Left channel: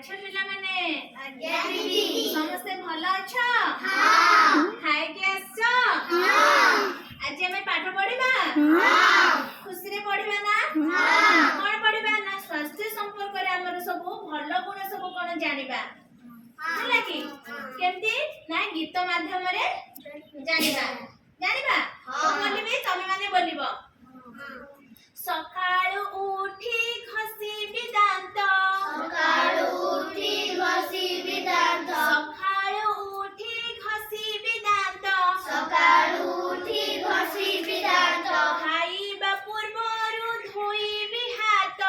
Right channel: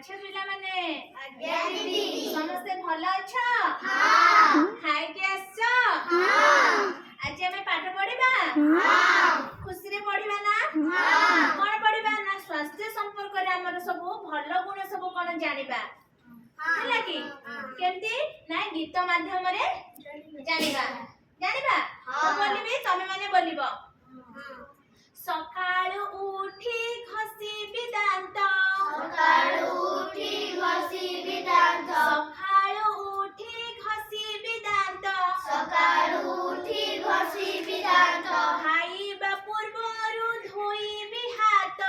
अच्छा पिला माने आज्ञा दीदी समस्ते भल अच्छा हां खाए के आछो हां आज हमें पाठ पढ़िबा हां खुशी रे पढ़िबा ना हां कोन पढ़िबा ना स्वास्थ्य संपर्क रे हमर सब भल गुण सब कोन जानिबा हला की केमती ना गीत माध्यम रे जानिबा जानिबा तो बोलिबी तमे माने बोलिबो सकाळू उठी घसीबी दांत सकाळू उठी घसीबी दांत सकाळू उठी घसीबी दांत सकाळू उठी घसीबी दांत खाइबा पूर्वरु धोइबी हात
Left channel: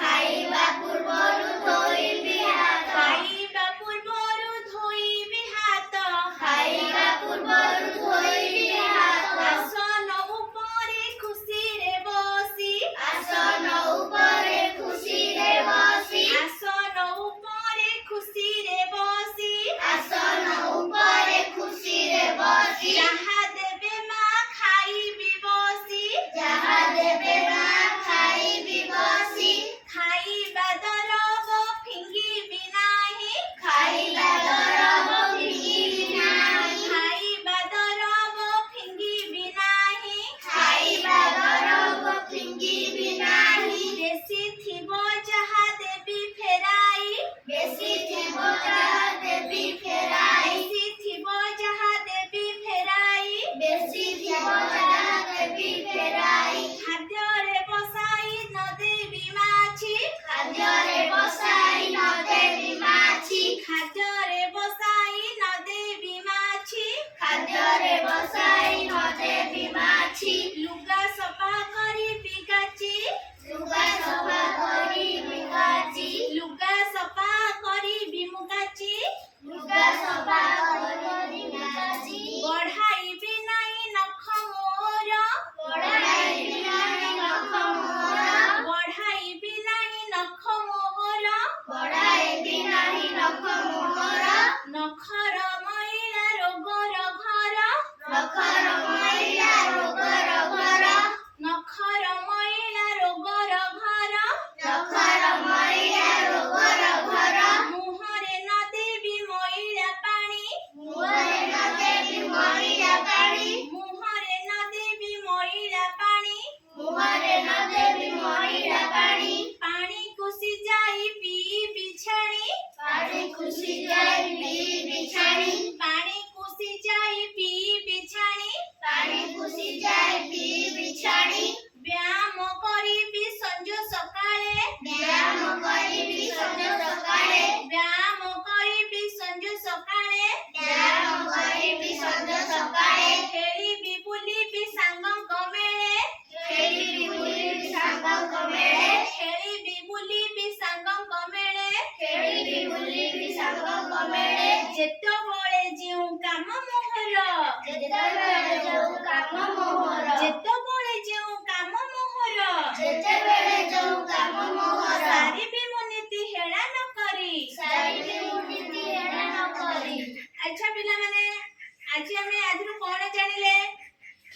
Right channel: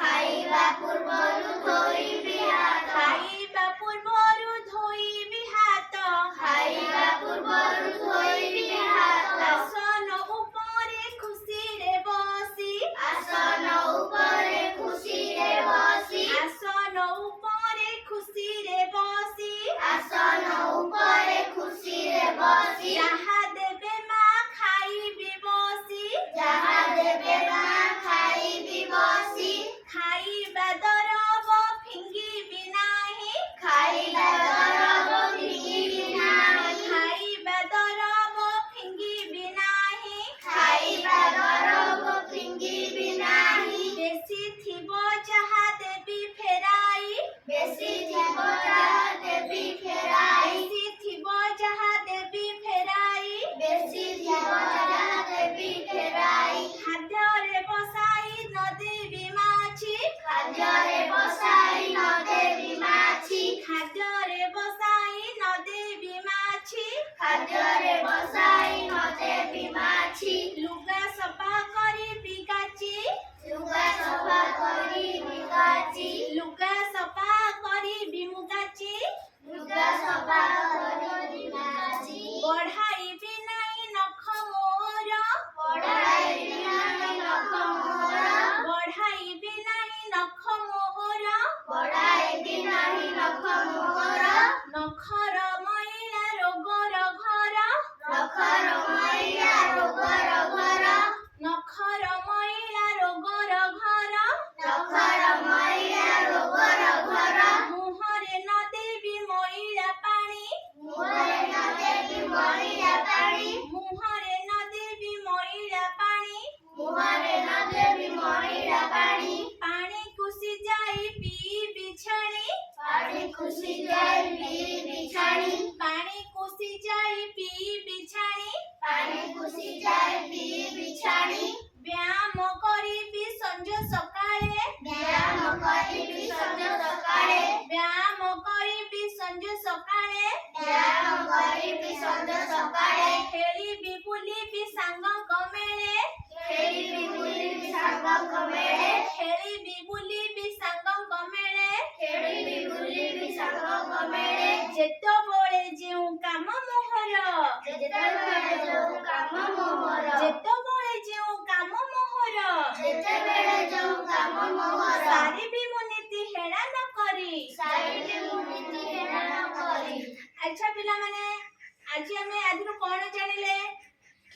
खाइबा पूर्वरु धोइबी हात खाइबा पूर्वरु धोइबी हात खाइबा पूर्वरु धोइबी हात आसन उपरे खुशी रे बसी आसन उपरे खुशी रे बसी आसन उपरे खुशी रे बसी आसन उपरे खुशी रे बसी जहा देबे मा खाइबी बसी जहा देबे मा खाइबी बसी खाइबा दरब फिंगिबी नाही खाइबा दरब फिंगिबी नाही खाइबा दरब फिंगिबी नाही खाइबा दरब फिंगिबी नाही बेसी थिबो जहा देबी फेराई बेसी थिबो जहा देबी फेराई बेसी थिबो जहा देबी फेराई बेसी थिबो जहा देबी फेराई खाद्य रे बसाई नदेबी माछी खाद्य रे बसाई न देबी माछी खाद्य रे बसाई नदेबी माछी खाद्य रे बसाई न देबी माछी लुगा सफा करी बिगाची लुगा सफा करी बिगाची लुगा सफा करी बिमुगाची लुगा सफा करी बिगाची बढ़ाई भी नहीं नख मोर पढ़ाई बिनाई नख मोहर बढ़ाई भी नहीं नख मोर पढ़ाई बिनाई नख मोहर नखर मैला रोगर घर नखर मैला रोगर घर नखर मैला रोगर घर नखर मैला रोगर घर मुहरे न देबी मैला पानी मुहरे न देबी मैला पानी मुहरे न देबी मैला पानी मुहरे न देबी मैला पानी पानी कुसी जाई पी बिछाणी पानी खुशी जाई पी बिछाणी पानी कुसी जाई पी बिछाणी पानी खुशी जाई पी बिछाणी व्यायाम करिबी संज सकाळे व्यायाम करिबी संज सकाळे व्यायाम करिबी संज सकाळे व्यायाम करिबी संज सकाळे खेलिबी बुलिबी सांगक मेळे खेलिबी बुलिबी सांगक मेळे खेलिबी बुलिबी सांगक मेळे खेलिबी बुलिबी सांगक मेळे जेतबळे जेउ काम मोहर जेतेबेळे जोउ काम मोहर जेतबळे जेउ काम मोहर जेतेबेळे जोउ काम मोहर सारिबी मुनीति हेळा न करी सारिबी मुनीति हेळा न करी अच्छा पिला माने आज हमें आदिरु कोन जानिले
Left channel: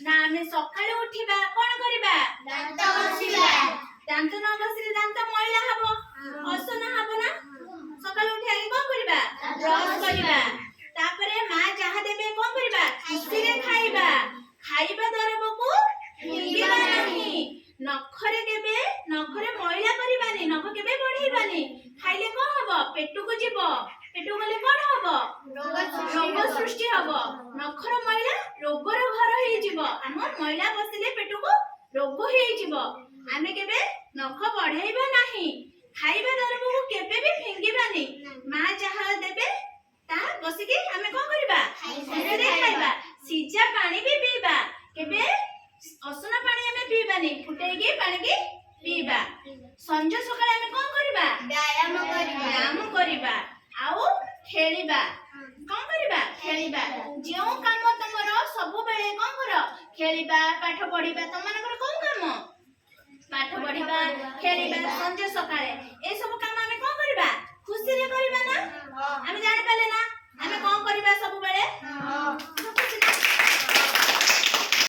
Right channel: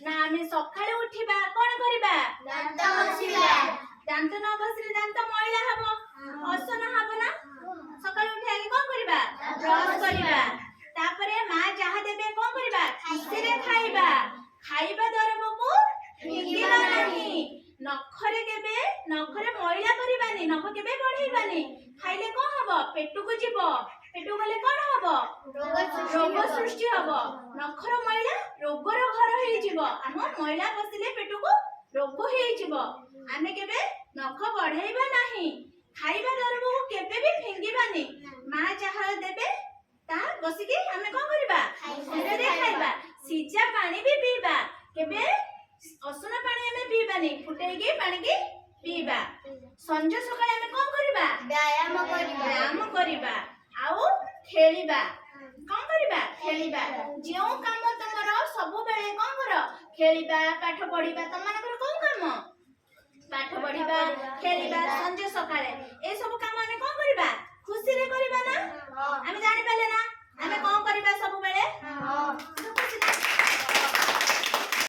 ना हमें सकाळे उठिबा कोन करिबा दांत घसिबा दांत न घसिले दांत मैला हबो असना हबो ना सकाळे उठी आगे कोन करिबा ब्रश करिबा तापरे मां जहा देबे कोन करिबा खुशी रे खाइबा खाइबा दरबको हिंगीबा नाही नखरे केबे नखरे मैला करिबानी नख केबे बढ़ेबानी खाइले कोन हबो पेटु को जीवो पेटु गले कोन हबो रोग सृष्टि हबो नखर मैला रोगर घर हेइ जीवो हम मैला बसिले पेटु को रोग हेइ जीवो आमे केबे नख बढ़ेइबा नाही खाइबा दरबको केबे भी फिंगीबानी मां जहा देबे ता बसिके आमे कोन करिबा खुशीरे खाइबा सिजा पानी भी पीबा केबे असना पानी आमे पीबानी फुटेगी पानी की पीबा संज सकाळे आमे कोन करिबा व्यायाम करिबा आउ खेलिबा कोन करिबा खेलिबा जेउ काम तमर सब बेले कोन कर खेलिबा पाठ पढिबा तमनकर कोन काम पाठ पढिबा खेलिबा संज सकाळे ए सब काम आमे कोन करिबा खुशी रे करिबा ना आमे जानि पाले ना आमे कोन करिबा सब बेले